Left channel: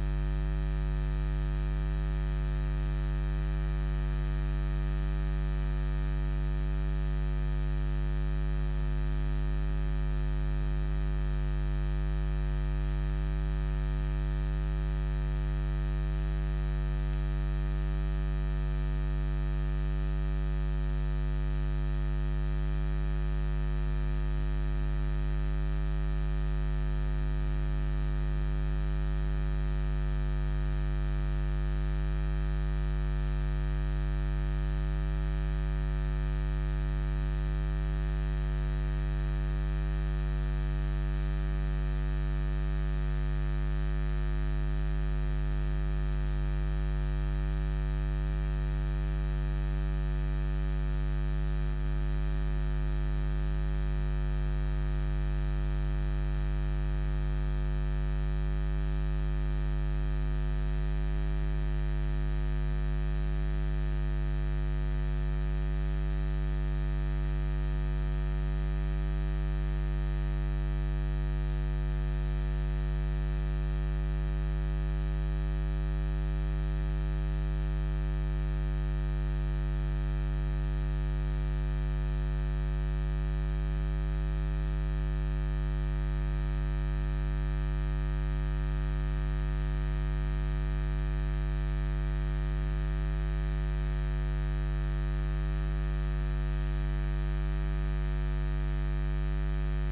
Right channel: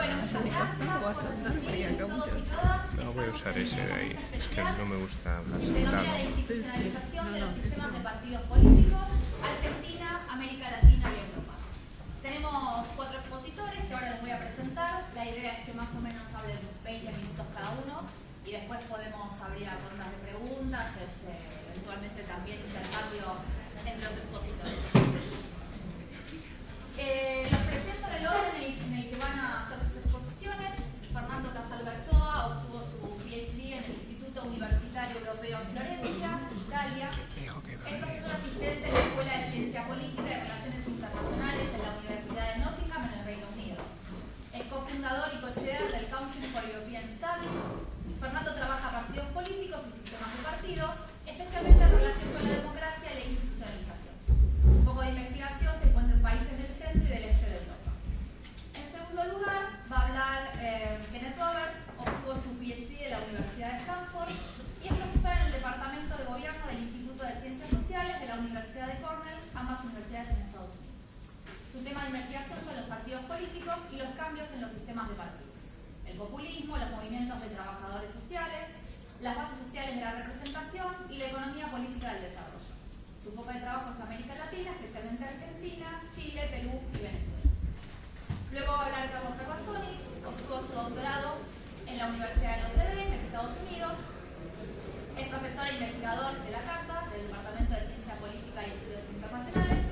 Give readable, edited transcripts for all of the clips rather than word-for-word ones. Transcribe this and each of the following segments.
No voy a usar ese de ahí, es que no me gusta hablar sentado. Institucionalización de los sistemas de partidos políticos, Argentina, América Latina y Europa. Tenemos 4 expositores que ahora les voy a presentar. La idea es que más o menos hablen 20 minutos cada uno y después podemos abrir a rondas de preguntas, eventualmente también intercambio entre los expositores. Los presento en el orden en el que van a hacer sus exposiciones. Fernando Casal Bertoa obtuvo su PhD en el Instituto Universitario Europeo en Florencia, Italia. Es profesor asistente en la Escuela de Ciencia Política y Relaciones Internacionales en la Universidad de Nottingham, en el Reino Unido. Es cofundador y co-chair del Council for European Studies. Fernando trabaja partidos políticos y sistemas de partidos, especialmente en relación con la democracia y la institucionalización. Un poco de investigación se encuentra en países del centro y del este de Europa. En segundo lugar, va a hablar Kenneth Roberts, obtuvo su PhD de la Universidad de Stanford y es profesor en el Departamento de Gobierno del Instituto de Ciencias Sociales de la Universidad de Cornell, ambas universidades en Estados Unidos. Su tema de investigación son los partidos políticos y los cambios en los sistemas de partidos, el populismo, los movimientos de trabajadores sociales, las bases sociales de la representación y la economía política del desarrollo. Su foco de trabajo es América Latina, especialmente Argentina, Chile, Perú y Venezuela. Luego va a hablar Carlos Terrazzoni, obtuvo su doctorado en la Universidad de Notre Dame, en Estados Unidos. Es profesor e investigador de la Casa, del Departamento de Ciencia Política y Estudios Internacionales.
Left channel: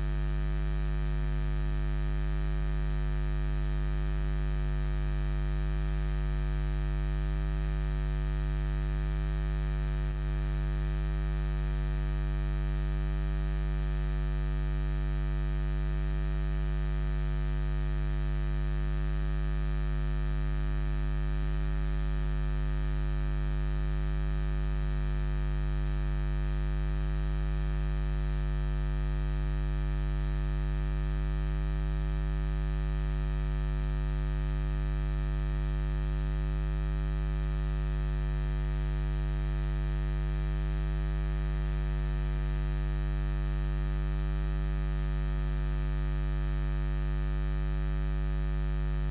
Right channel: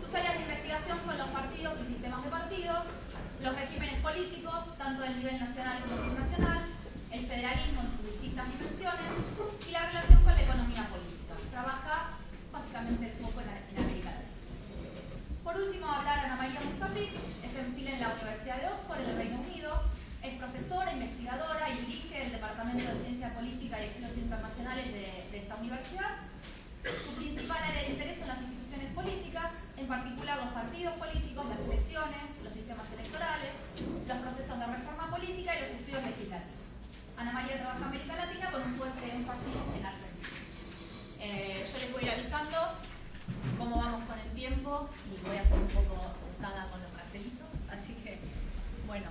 Sus áreas de investigación son los partidos y sistemas de partidos, los regímenes políticos, tanto del nivel nacional como internacional, el federalismo en sus distintas dimensiones y la relación con la economía política. Trabaja básicamente un poco en América Latina. Por último, va a hablar Ana María Mozambique, es enfil en la Universidad de Oxford, en el Reino Unido, es profesora, investigadora y dirige el Departamento de Ciencia Política y Estudios Internacionales de esta universidad. Su principal área de interés son las instituciones políticas, en particular los partidos políticos, las elecciones, los sistemas electorales, los procesos de reforma política y los estudios legislativos. Ana María trabaja en América Latina con un fuerte énfasis en Argentina. Yo les voy a ir avisando cómo vamos con el tiempo y voy a ser un poco pesada con los cartelitos, así que, bueno.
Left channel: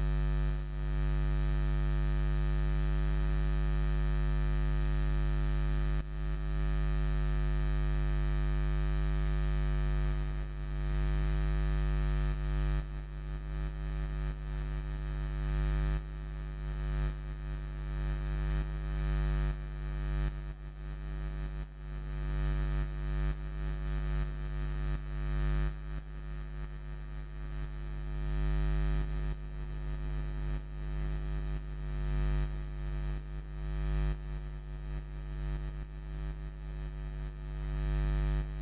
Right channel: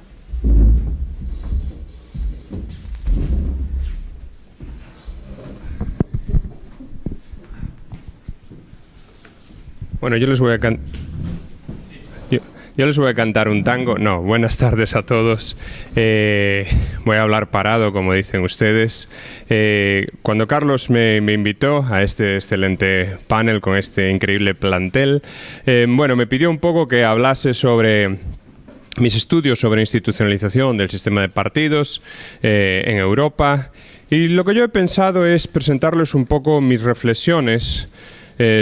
Bueno, yo les voy a cantar un tango. No, buenas tardes a todos. Voy a hablar parado, como dicen ustedes. Cuando Carlos me invitó a este excelente panel con este increíble plantel, bueno, me pidió un poco que hablase sobre mis estudios sobre institucionalización del sistema de partidos en Europa. Y lo que yo he pensado es presentarles un poco mis reflexiones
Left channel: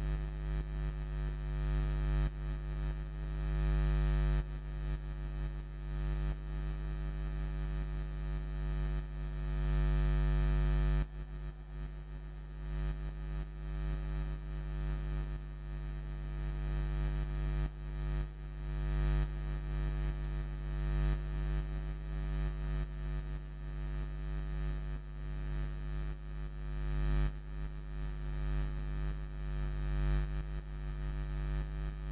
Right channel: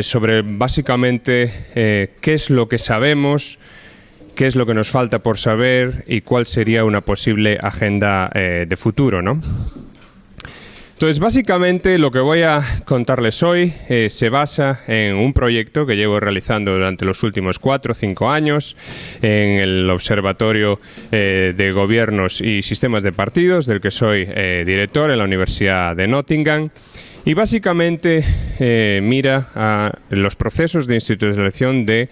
sobre básicamente qué es lo que sabemos, qué es lo que nos falta por saber y cuál sería una posible agenda de futuro, ¿no? Entonces, básicamente lo que voy a contarles hoy se basa en un proyecto que llevo realizando durante los últimos 4 o 5 años en el Observatorio de Gobiernos y Sistemas de Partidos, del que soy director en la Universidad de Nottingham. Y básicamente mira a los procesos de institucionalización de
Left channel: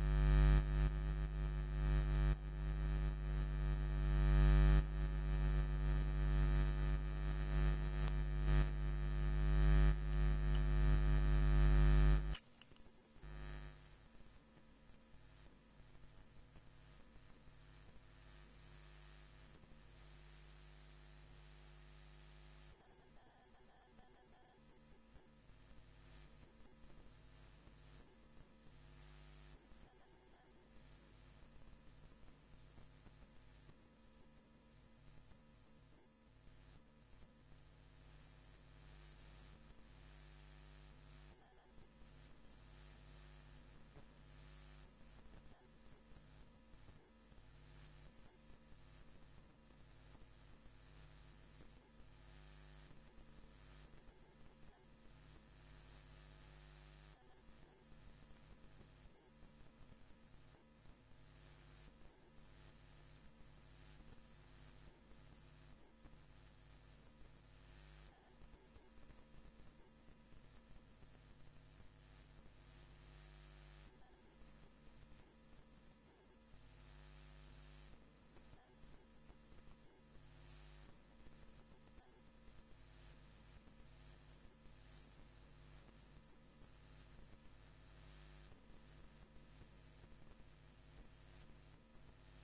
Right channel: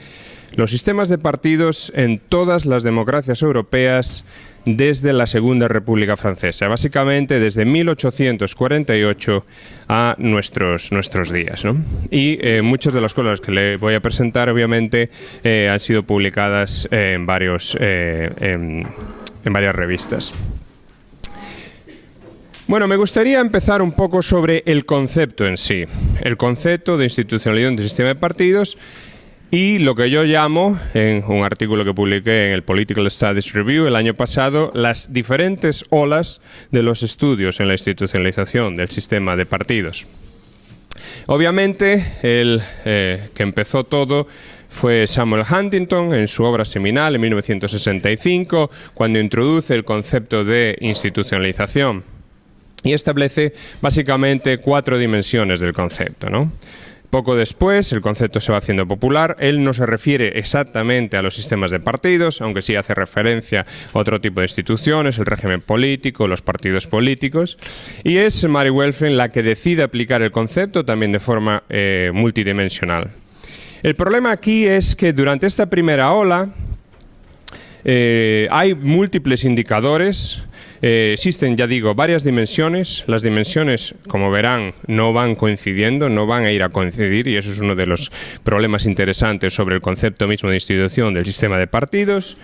los sistemas de partidos en todas las democracias europeas desde la Segunda República Francesa, básicamente desde 1848 a nuestros días, ¿no? Y muchas de las cosas que le voy a presentar, obviamente, han sido publicadas en varias revistas. Bueno, me gustaría empezar un poco sobre el concepto en sí, el concepto de institucionalización del sistema de partidos y lo que yo llamo, en un artículo que publiqué en el Political Studies Review el año pasado, las diferentes olas de los estudios en la institucionalización del sistema de partidos. Obviamente, el que empezó todo fue Samuel Huntington en su obra seminal en 1965, cuando introduce el concepto de institucionalización y establece básicamente 4 dimensiones del concepto, ¿no? Poco después, el concepto se va haciendo popular. Él no se refiere exactamente a los sistemas de partidos, aunque sí hace referencia a otro tipo de instituciones, el régimen político, los partidos políticos. Y es Mary Welfring la que decide aplicar el concepto también de forma multidimensional. El problema aquí es que durante esta primera ola, Hay múltiples indicadores. Existen, ya digo, varias dimensiones. Las dimensiones, como verán, no van coincidiendo, no van a ir a coincidir, y eso es uno de los problemas interesantes sobre el concepto mismo de institución del sistema de partidos.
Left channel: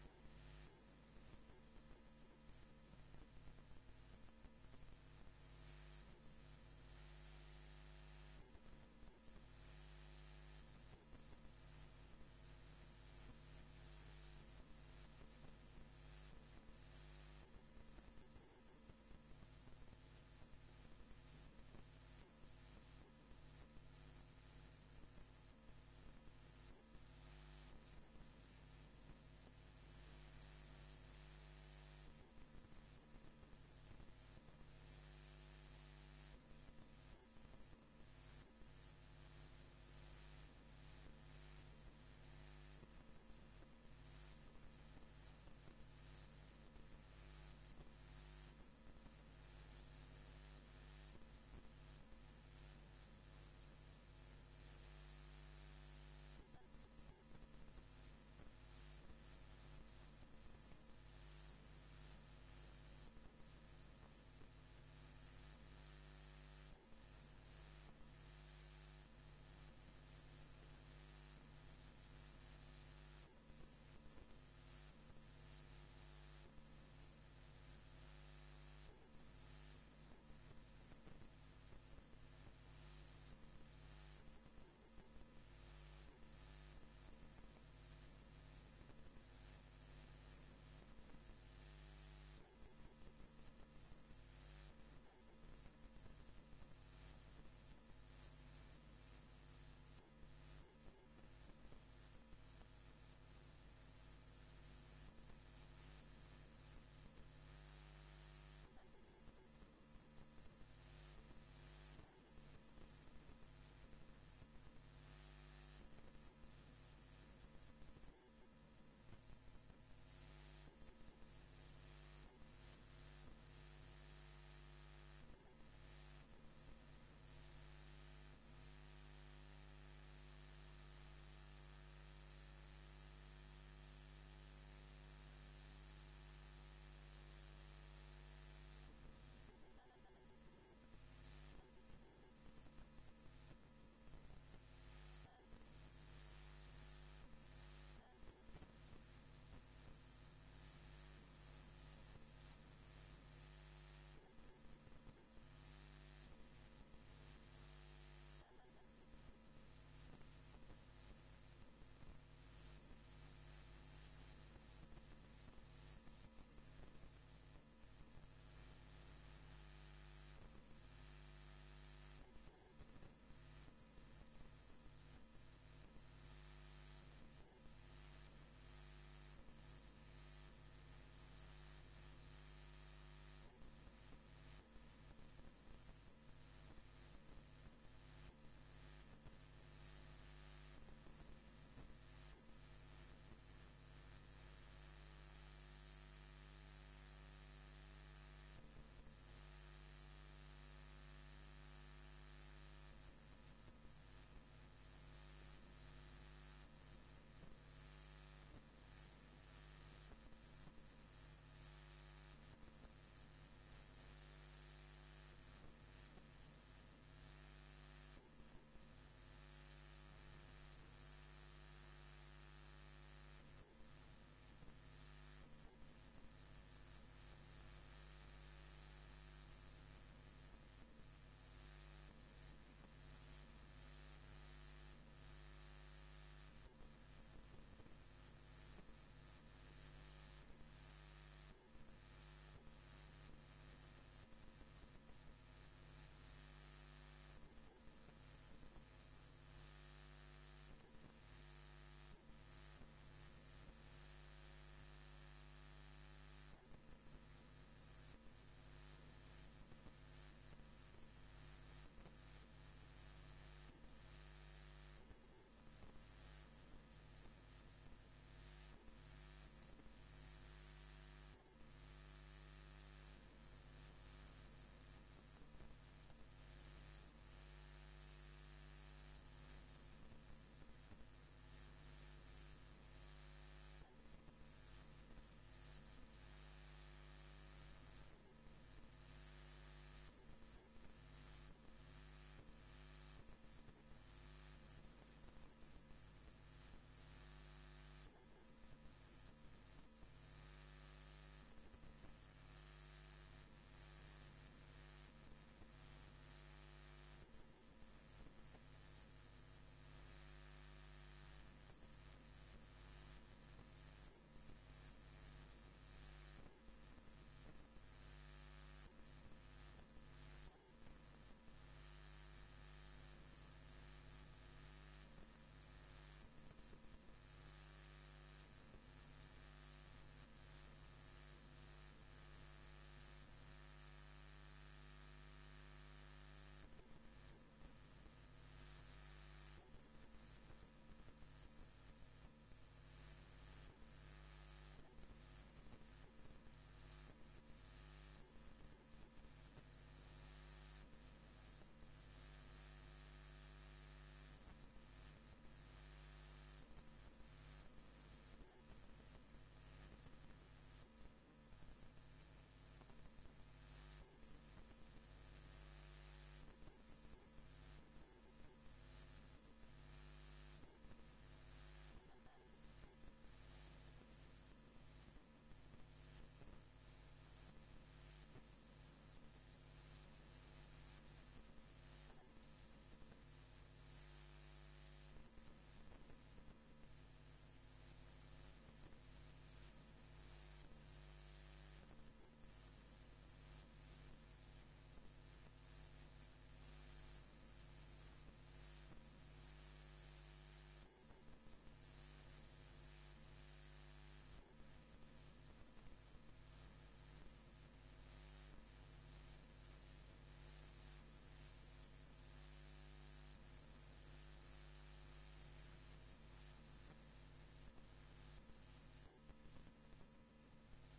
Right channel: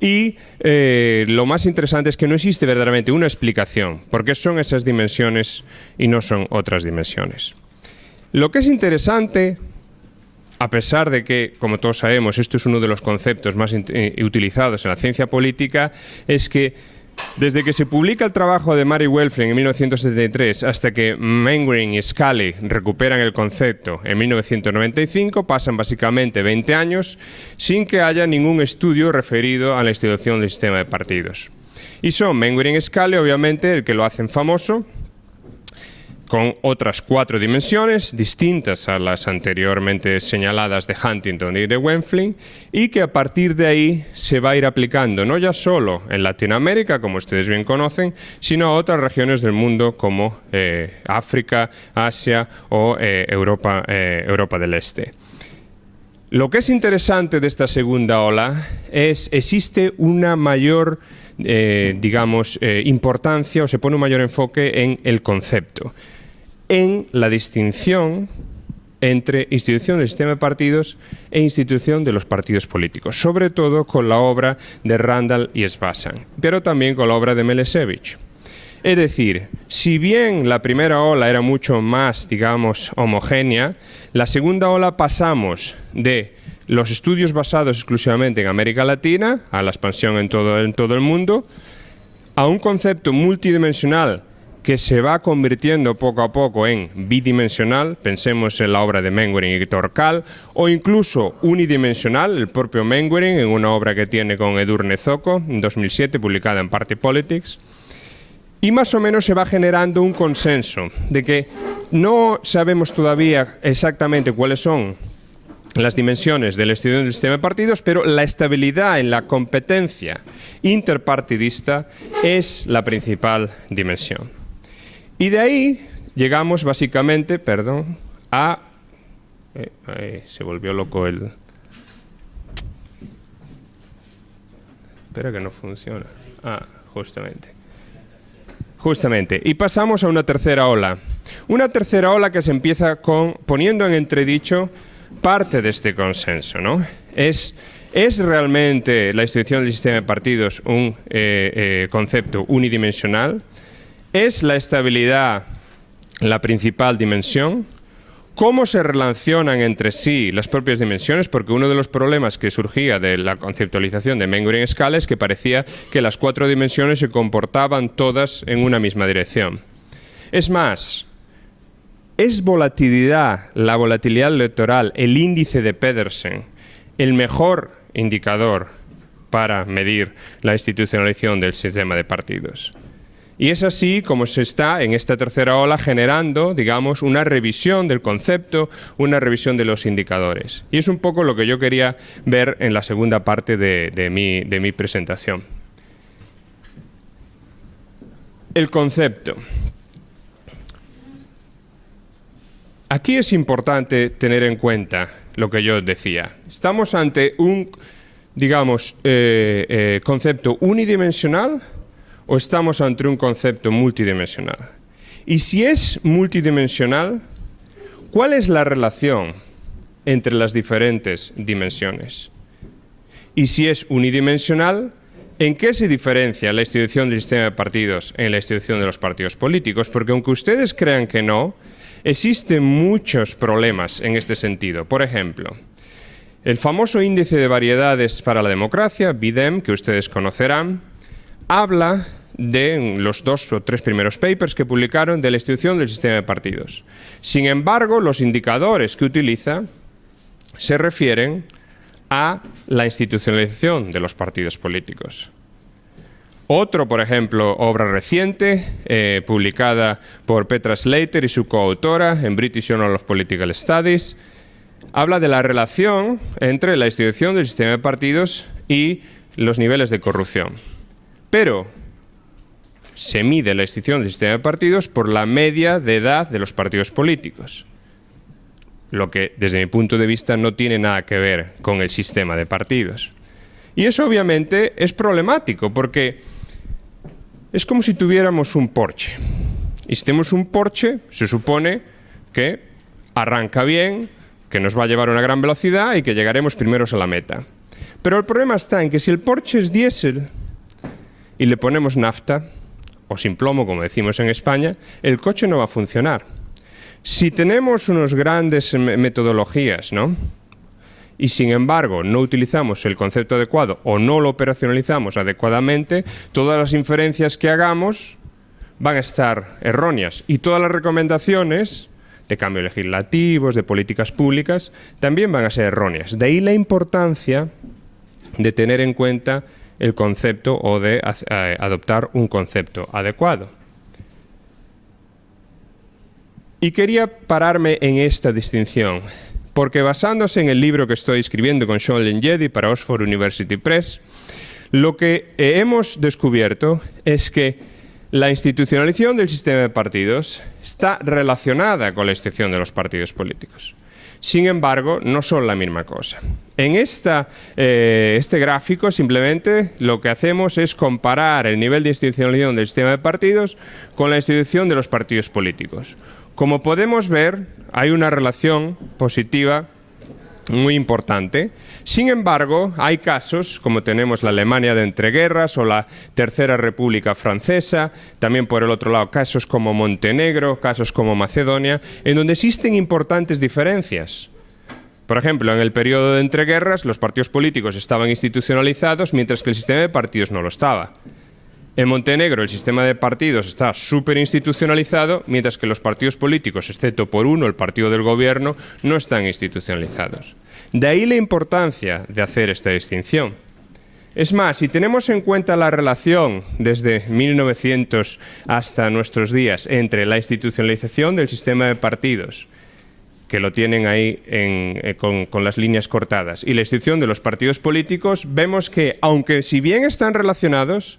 Y lo más interesante es que no existe verdaderamente una explicación por qué son esas dimensiones y no son otras dimensiones. Lo que es interesante, a pesar de que, como todos sabemos, esto es uno de los conceptos más utilizados en la ciencia política, es que desde que se publica el trabajo de Mary Welfling en 1973 hasta que Mainwaring y Scully recuperan el concepto en 1995, pasan básicamente 20 años sin que haya ningún estudio referido a la institución del sistema de partidos. Y son Mainwaring y Scully, obviamente, el que lo hacen famoso, con otras 4 dimensiones distintas a las anteriormente señaladas de Huntington y de Welfling, y que a partir de ahí se va a ir aplicando no ya solo en Latinoamérica, como ustedes bien conocen, sino a otras regiones del mundo como África, Asia o Europa del Este. Lo que es interesante de esta segunda ola es que existe una mayor importancia, o se pone un mayor enfoque en el concepto, en la distinción entre institución del sistema de partidos e institución de los partidos políticos, sobre todo con la obra de Randall y Svazan, pero también con la obra de Melešević. Es decir, si bien la primera ola era mucho más, digamos, homogénea, la segunda ola pasamos de los estudios basados exclusivamente en América Latina, a la expansión en todo el mundo, a un concepto multidimensional que se va convirtiendo poco a poco en bidimensional, pensemos en la obra de Mainwaring y Torkal, o incluso unidimensional, el propio Mainwaring, en una obra que tiene con Edurne Zoko, en 2007, publicada en Party Politics. Y más o menos se va generando un consenso de que no sabemos todavía exactamente cuáles son las dimensiones de la institución del sistema de partidos, pero la estabilidad en la competencia interpartidista es la principal dimensión. Y de ahí llegamos básicamente, a... se volvió loco el... Espera que no funciona. Justamente. Y pasamos a una tercera ola. Una tercera ola que se empieza poniendo en entredicho parte de este consenso, ¿no? ¿Es realmente la institución del sistema de partidos un concepto unidimensional? ¿Es la estabilidad la principal dimensión? ¿Cómo se relacionan entre sí las propias dimensiones? Porque uno de los problemas que surgía de la conceptualización de Mainwaring y Scully es que parecía que las 4 dimensiones se comportaban todas en una misma dirección. Es más, ¿es la volatilidad electoral, el índice de Pedersen, el mejor indicador para medir la institucionalización del sistema de partidos? Y es así como se está en esta tercera ola generando, digamos, una revisión del concepto, una revisión de los indicadores. Y es un poco lo que yo quería ver en la segunda parte de mi presentación. El concepto. Aquí es importante tener en cuenta lo que yo decía. Estamos ante un, digamos, concepto unidimensional, ¿o estamos ante un concepto multidimensional? Y si es multidimensional, ¿cuál es la relación entre las diferentes dimensiones? Y si es unidimensional, ¿en qué se diferencia la institución del sistema de partidos en la institución de los partidos políticos? Porque aunque ustedes crean que no, existen muchos problemas en este sentido. Por ejemplo, el famoso índice de variedades para la democracia, BIDEM, que ustedes conocerán, habla de los 2 o 3 primeros papers que publicaron de la institución del sistema de partidos. Sin embargo, los indicadores que utiliza se refieren a la institucionalización de los partidos políticos. Otro, por ejemplo, obra reciente, publicada por Petra Slater y su coautora en British Journal of Political Studies, habla de la relación entre la institución del sistema de partidos y los niveles de corrupción. Pero se mide la institución del sistema de partidos por la media de edad de los partidos políticos, lo que desde mi punto de vista no tiene nada que ver con el sistema de partidos. Y eso obviamente es problemático porque es como si tuviéramos un Porsche. Y si tenemos un Porsche, se supone que arranca bien, que nos va a llevar a una gran velocidad y que llegaremos primeros a la meta. Pero el problema está en que si el Porsche es diésel y le ponemos nafta, o sin plomo, como decimos en España, el coche no va a funcionar. Si tenemos unas grandes metodologías, ¿no?, y sin embargo no utilizamos el concepto adecuado o no lo operacionalizamos adecuadamente, todas las inferencias que hagamos van a estar erróneas y todas las recomendaciones de cambios legislativos, de políticas públicas, también van a ser erróneas. De ahí la importancia de tener en cuenta el concepto o de adoptar un concepto adecuado. Y quería pararme en esta distinción, porque basándose en el libro que estoy escribiendo con Sean Lenjedi para Oxford University Press, lo que hemos descubierto es que la institucionalización del sistema de partidos está relacionada con la institución de los partidos políticos. Sin embargo, no son la misma cosa. En este gráfico simplemente lo que hacemos es comparar el nivel de institucionalización del sistema de partidos con la institución de los partidos políticos. Como podemos ver, hay una relación positiva muy importante. Sin embargo, hay casos, como tenemos la Alemania de entreguerras o la Tercera República Francesa, también por el otro lado casos como Montenegro, casos como Macedonia, en donde existen importantes diferencias. Por ejemplo, en el periodo de entreguerras, los partidos políticos estaban institucionalizados, mientras que el sistema de partidos no lo estaba. En Montenegro el sistema de partidos está súper institucionalizado, mientras que los partidos políticos, excepto por uno, el partido del gobierno, no están institucionalizados. De ahí la importancia de hacer esta distinción. Es más, si tenemos en cuenta la relación desde 1900 hasta nuestros días entre la institucionalización del sistema de partidos, que lo tienen ahí con las líneas cortadas, y la institución de los partidos políticos, vemos que, aunque si bien están relacionados,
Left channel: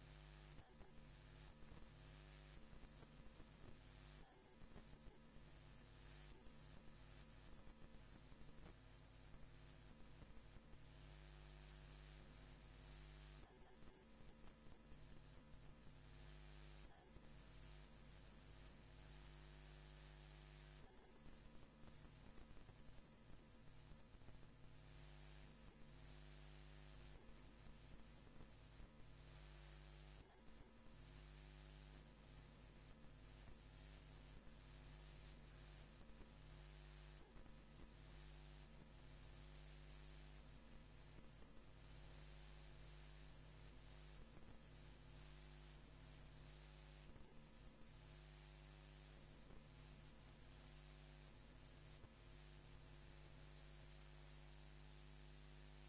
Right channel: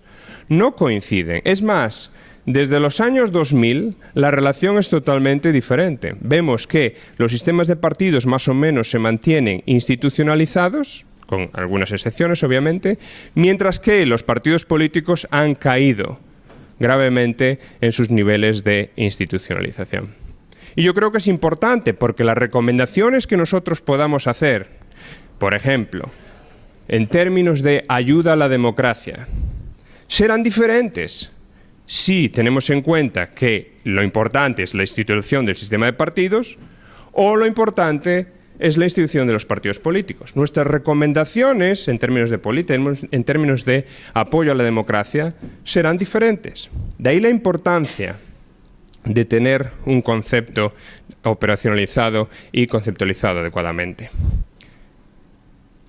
no coinciden. Es más, desde los años 2000 la relación es totalmente diferente. Vemos que los sistemas de partidos más o menos se mantienen institucionalizados, con algunas excepciones obviamente, mientras que los partidos políticos han caído gravemente en sus niveles de institucionalización. Y yo creo que es importante porque las recomendaciones que nosotros podamos hacer, por ejemplo, en términos de ayuda a la democracia, serán diferentes si tenemos en cuenta que lo importante es la institución del sistema de partidos o lo importante es la institución de los partidos políticos. Nuestras recomendaciones en términos de apoyo a la democracia serán diferentes. De ahí la importancia de tener un concepto operacionalizado y conceptualizado adecuadamente.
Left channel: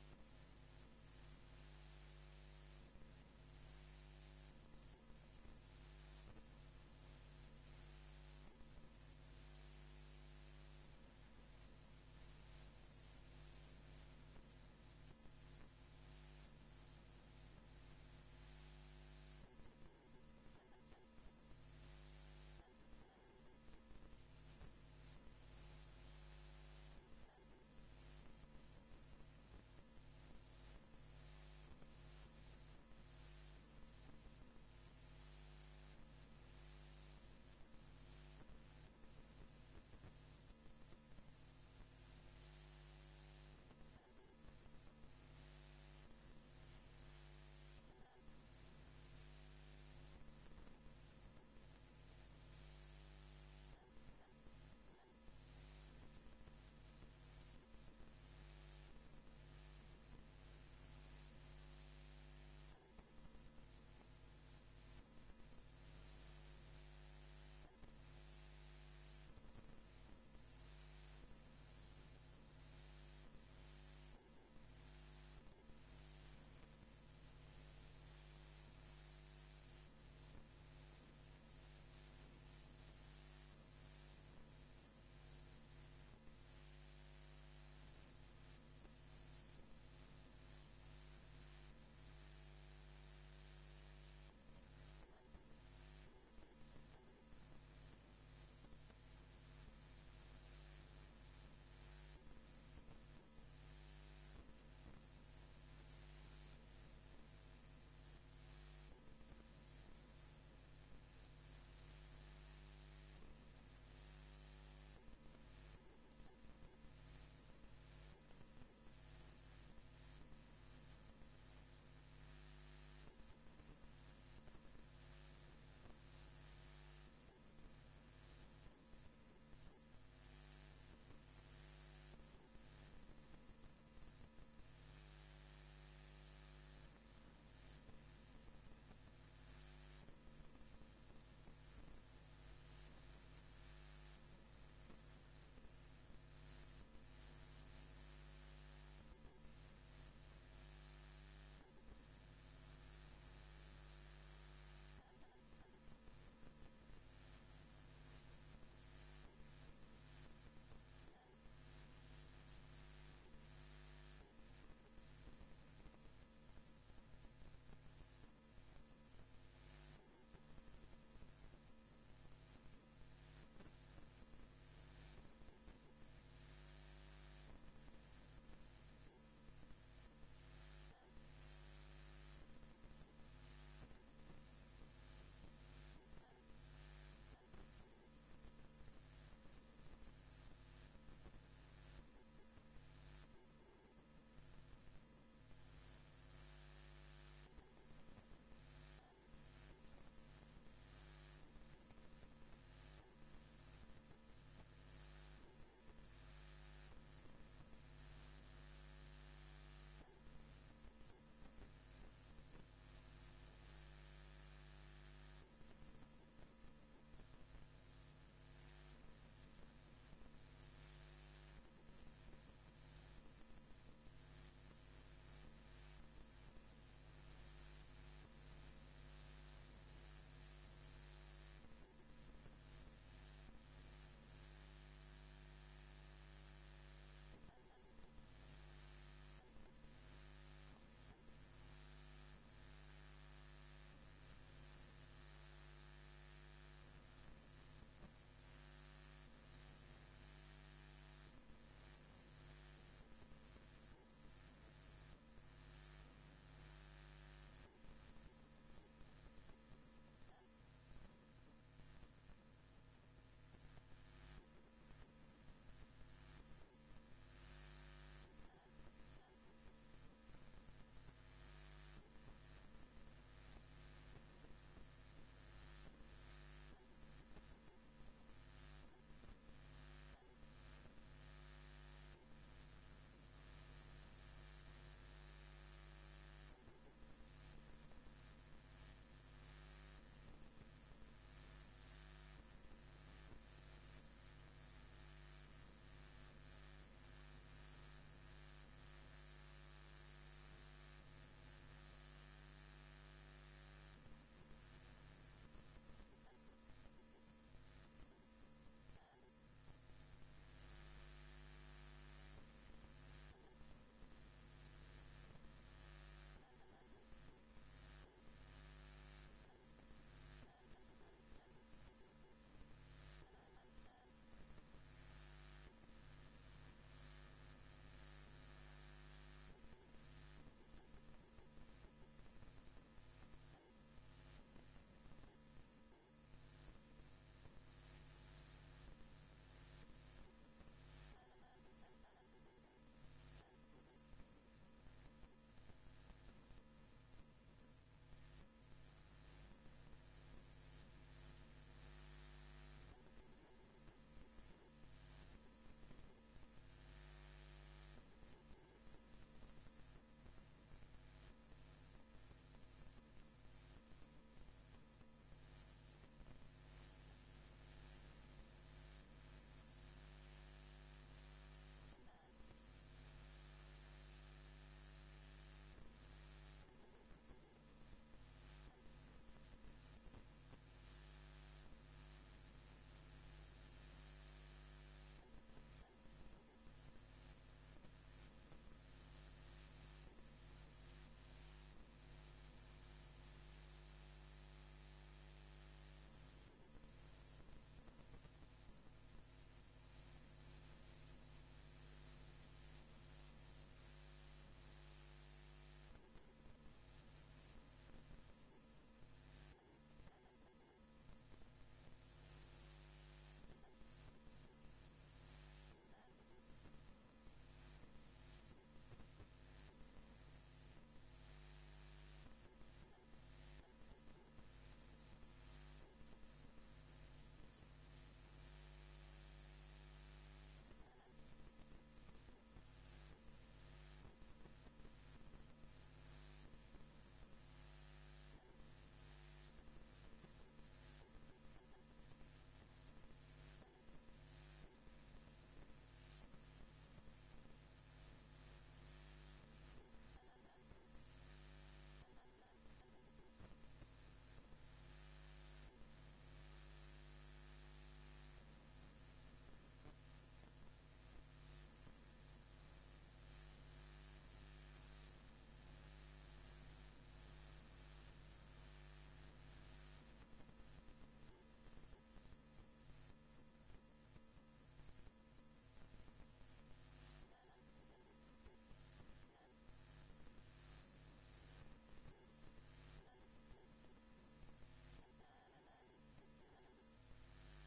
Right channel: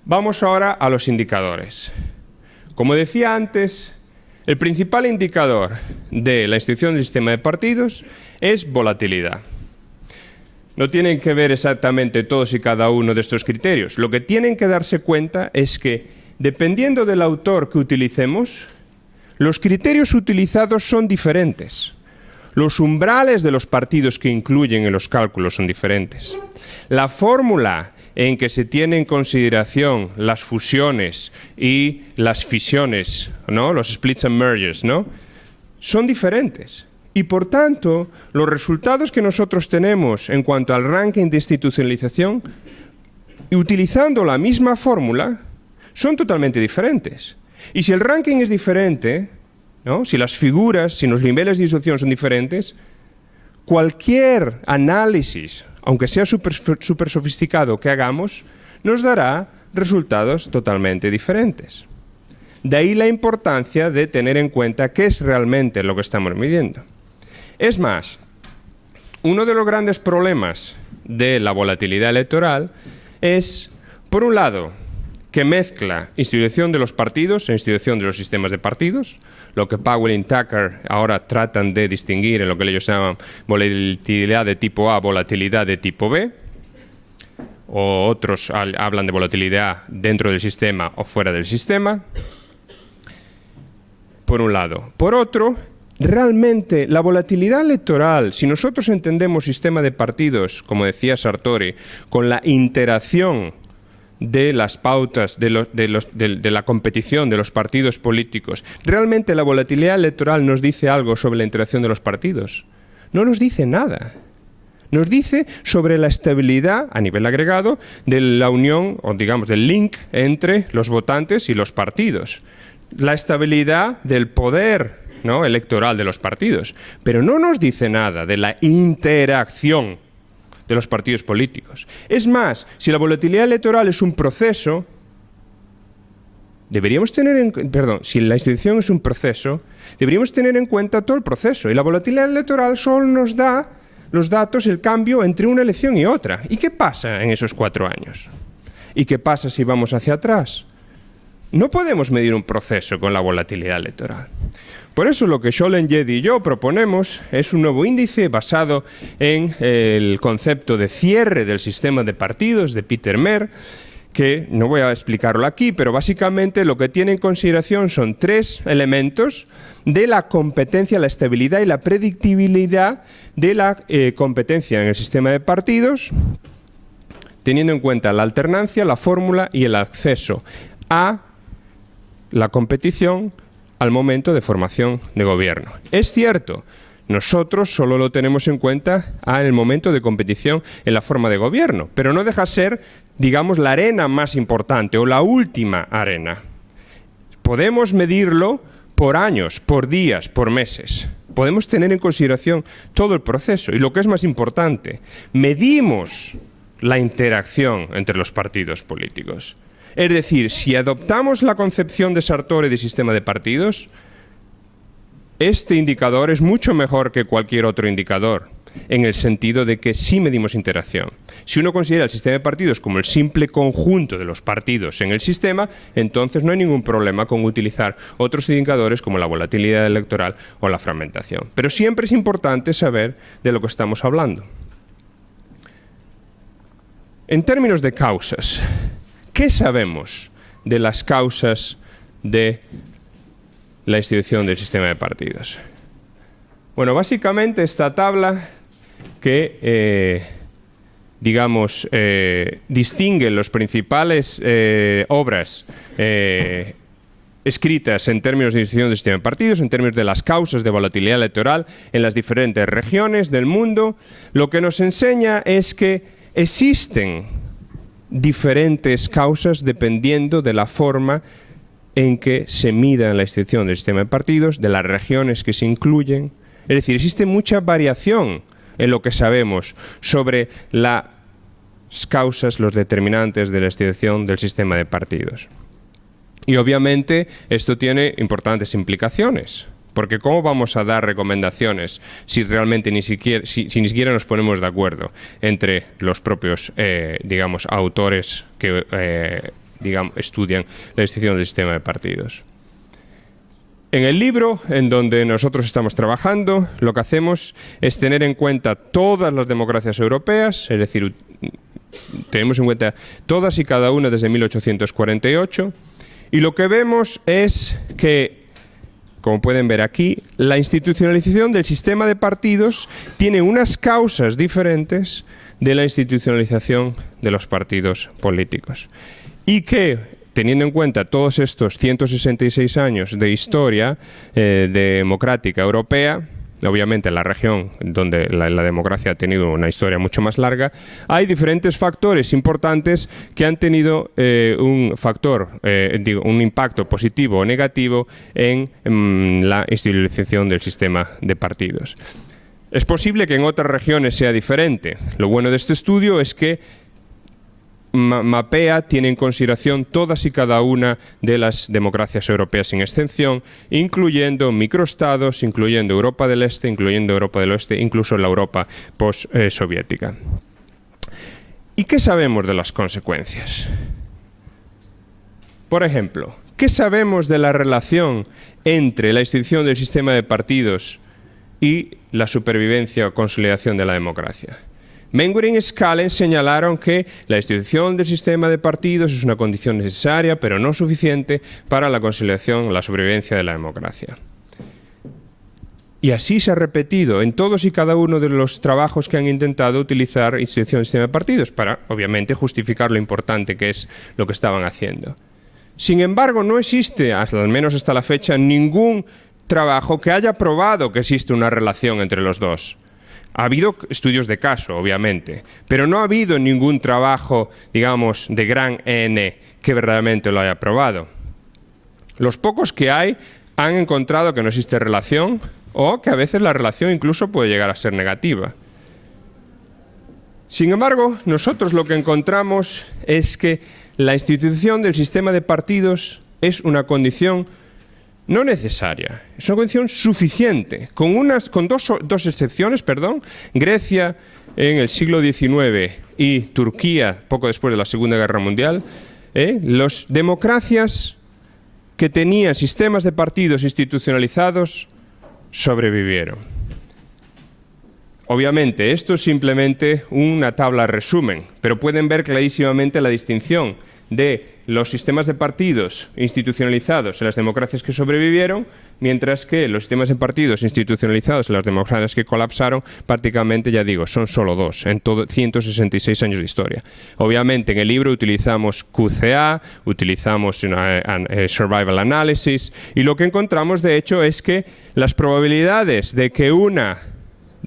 Vamos ahora a los indicadores. Como decía antes, el principal indicador de la institución del sistema de partidos es volatilidad. No tienen que ver exactamente todos y cada uno de estos criterios. Lo que tienen que darse cuenta es que, dependiendo del autor que utilicemos, los criterios utilizados son diferentes. Los umbrales de los partidos que incluyen en los cálculos son diferentes. La fórmula en que se tienen en consideración las fusiones y las fisiones, ¿no?, los splits and mergers, ¿no?, son diferentes. Y por tanto, los resultados que nosotros tenemos en cuanto al ranking de institucionalización, utilizando la misma fórmula, son totalmente diferentes. Y si el ranking es diferente, ¿no?, si las figuras, si los niveles de institución son diferentes, cualquier análisis, aunque sea súper sofisticado que hagamos, nos dará resultados totalmente diferentes. De ahí la importancia de tener en cuenta qué es realmente lo que estamos midiendo. Es más, uno de los grandes problemas de la volatilidad electoral es, por un lado, que mezcla institución de los partidos e institución de los sistemas de partidos, lo que Powell y Tucker ahora tratan de distinguir en lo que ellos llaman volatilidad de tipo A, volatilidad de tipo B, o otros hablan de volatilidad dentro del sistema o fuera del sistema, por un lado. Por otro, realmente la volatilidad electoral, si nosotros entendemos sistema de partidos, como decía Sartori, con la interacción de las pautas de la competición de los partidos políticos. ¿Realmente la volatilidad electoral nos dice algo sobre la interacción de los partidos? No nos dice nada. Nos dice sobre la estabilidad a nivel agregado de la unión, o digamos del link entre los votantes y los partidos. La estabilidad del poder, ¿no?, electoral de los partidos. Pero no nos dice nada de la interacción de los partidos políticos. Es más, si la volatilidad electoral es un proceso, si la institución es un proceso, deberíamos tener en cuenta todo el proceso. Y la volatilidad electoral solo nos da los datos, el cambio entre una elección y otra. ¿Y qué pasa en esos 4 años? ¿Y qué pasa si vamos hacia atrás? No podemos medir un proceso con la volatilidad electoral. Por eso lo que Scholen, Jedi y yo proponemos es un nuevo índice basado en el concepto de cierre del sistema de partidos de Peter Mer, que no voy a explicarlo aquí, pero básicamente lo que tiene en consideración son 3 elementos de la competencia, la estabilidad y la predictibilidad de la competencia en el sistema de partidos, teniendo en cuenta la alternancia, la fórmula y el acceso a la competición al momento de formación de gobierno. Es cierto, nosotros solo lo tenemos en cuenta al momento de competición en la forma de gobierno, pero no deja ser, digamos, la arena más importante o la última arena. Podemos medirlo por años, por días, por meses. Podemos tener en consideración todo el proceso y lo que es más importante, medimos la interacción entre los partidos políticos. Es decir, si adoptamos la concepción de Sartori de sistema de partidos, este indicador es mucho mejor que cualquier otro indicador, en el sentido de que sí medimos interacción. Si uno considera el sistema de partidos como el simple conjunto de los partidos en el sistema, entonces no hay ningún problema con utilizar otros indicadores como la volatilidad electoral o la fragmentación. Pero siempre es importante saber de lo que estamos hablando. En términos de causas, ¿qué sabemos de las causas de la institución del sistema de partidos? Bueno, básicamente esta tabla que, distingue las principales obras escritas en términos de institución del sistema de partidos, en términos de las causas de volatilidad electoral en las diferentes regiones del mundo, lo que nos enseña es que existen diferentes causas dependiendo de la forma en que se mida la institución del sistema de partidos, de las regiones que se incluyen. Es decir, existe mucha variación en lo que sabemos sobre las causas, los determinantes de la institución del sistema de partidos. Y obviamente esto tiene importantes implicaciones, porque ¿cómo vamos a dar recomendaciones si realmente ni siquiera nos ponemos de acuerdo entre los propios, autores que estudian la institución del sistema de partidos? En el libro en donde nosotros estamos trabajando, lo que hacemos es tener en cuenta todas las democracias europeas, es decir, tenemos en cuenta todas y cada una desde 1848, y lo que vemos es que, como pueden ver aquí, la institucionalización del sistema de partidos tiene unas causas diferentes de la institucionalización de los partidos políticos. Y que, teniendo en cuenta todos estos 166 años de historia democrática europea, obviamente en la región donde la democracia ha tenido una historia mucho más larga, hay diferentes factores importantes que han tenido un impacto positivo o negativo en la institucionalización del sistema de partidos. Es posible que en otras regiones sea diferente. Lo bueno de este estudio es que mapea, tiene en consideración todas y cada una de las democracias europeas sin excepción, incluyendo microestados, incluyendo Europa del Este, incluyendo Europa del Oeste, incluso la Europa post-soviética. ¿Y qué sabemos de las consecuencias? Por ejemplo, ¿qué sabemos de la relación entre la institución del sistema de partidos y la supervivencia o consolidación de la democracia? Mengueren y Scalen señalaron que la institución del sistema de partidos es una condición necesaria, pero no suficiente para la consolidación o la sobrevivencia de la democracia. Y así se ha repetido en todos y cada uno de los trabajos que han intentado utilizar institución del sistema de partidos para, obviamente, justificar lo importante que es lo que estaban haciendo. Sin embargo, no existe, al menos hasta la fecha, ningún trabajo que haya probado que existe una relación entre los dos. Ha habido estudios de caso, obviamente, pero no ha habido ningún trabajo, digamos, de gran N que verdaderamente lo haya probado. Los pocos que hay han encontrado que no existe relación o que a veces la relación incluso puede llegar a ser negativa. Sin embargo, nosotros lo que encontramos es que la institución del sistema de partidos es una condición no necesaria, es una condición suficiente, con dos excepciones, Grecia en el siglo XIX y Turquía poco después de la Segunda Guerra Mundial, las democracias que tenían sistemas de partidos institucionalizados sobrevivieron. Obviamente, esto es simplemente una tabla resumen, pero pueden ver clarísimamente la distinción de los sistemas de partidos institucionalizados en las democracias que sobrevivieron, mientras que los sistemas de partidos institucionalizados en las democracias que colapsaron, prácticamente, ya digo, son solo dos en todo 166 años de historia. Obviamente, en el libro utilizamos QCA, utilizamos Survival Analysis, y lo que encontramos, de hecho, es que las probabilidades de que una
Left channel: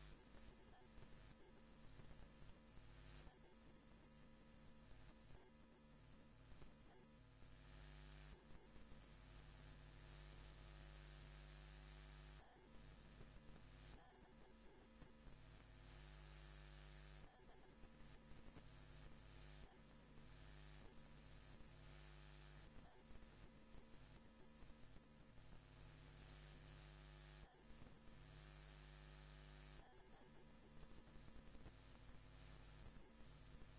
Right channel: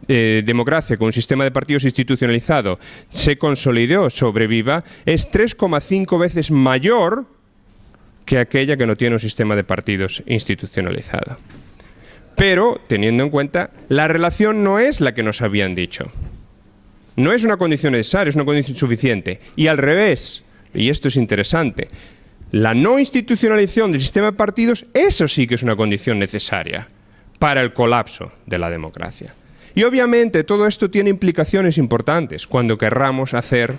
democracia con un sistema de partidos institucionalizado se consolide o sobreviva es 3,5 veces mayor que aquella que no tiene un sistema de partidos institucionalizado. Pero, teniendo en cuenta, la relación no es la que nos habían dicho. No es una condición necesaria, es una condición suficiente. Y al revés, y esto es interesante, la no institucionalización del sistema de partidos, eso sí que es una condición necesaria para el colapso de la democracia. Y obviamente todo esto tiene implicaciones importantes cuando querramos hacer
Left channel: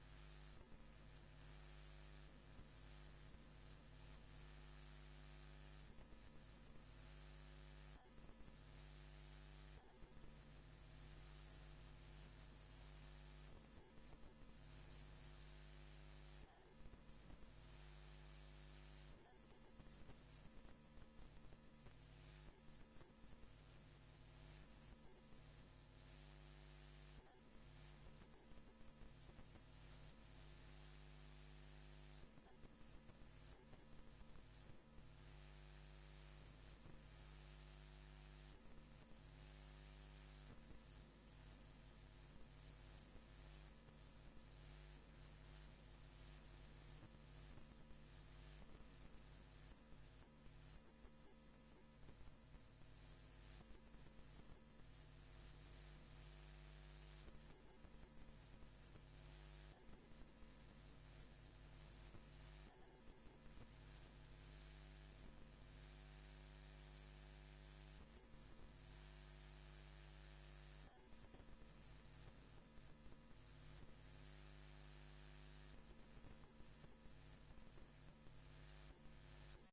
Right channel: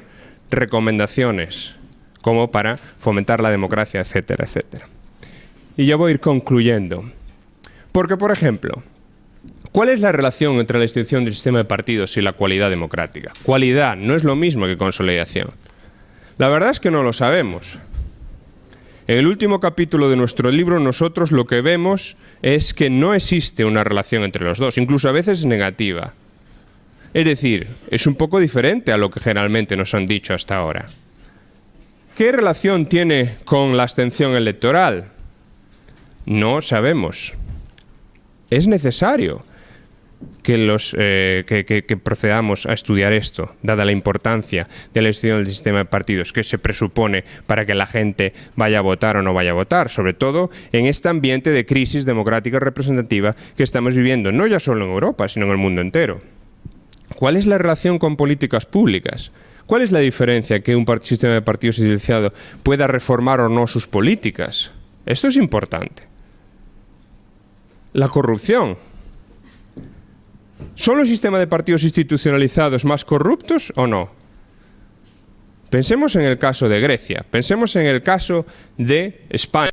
recomendaciones como para fomentar la democracia, etcétera, etcétera. Y ya voy a ir concluyendo. Porque, por ejemplo, ¿cuál es la relación entre la institución del sistema de partidos y la cualidad democrática? Cualidad no es lo mismo que consolidación. La verdad es que no lo sabemos. En el último capítulo de nuestro libro nosotros lo que vemos es que no existe una relación entre los dos, incluso a veces negativa. Es decir, es un poco diferente a lo que generalmente nos han dicho hasta ahora. ¿Qué relación tiene con la abstención electoral? No sabemos. Es necesario que procedamos a estudiar esto, dada la importancia de la institución del sistema de partidos que se presupone para que la gente vaya a votar o no vaya a votar, sobre todo en este ambiente de crisis democrática representativa que estamos viviendo, no ya solo en Europa, sino en el mundo entero. ¿Cuál es la relación con políticas públicas? ¿Cuál es la diferencia que un sistema de partidos institucionalizado pueda reformar o no sus políticas? Esto es importante. La corrupción. ¿Son los sistemas de partidos institucionalizados más corruptos o no? Pensemos en el caso de Grecia, pensemos en el caso de España.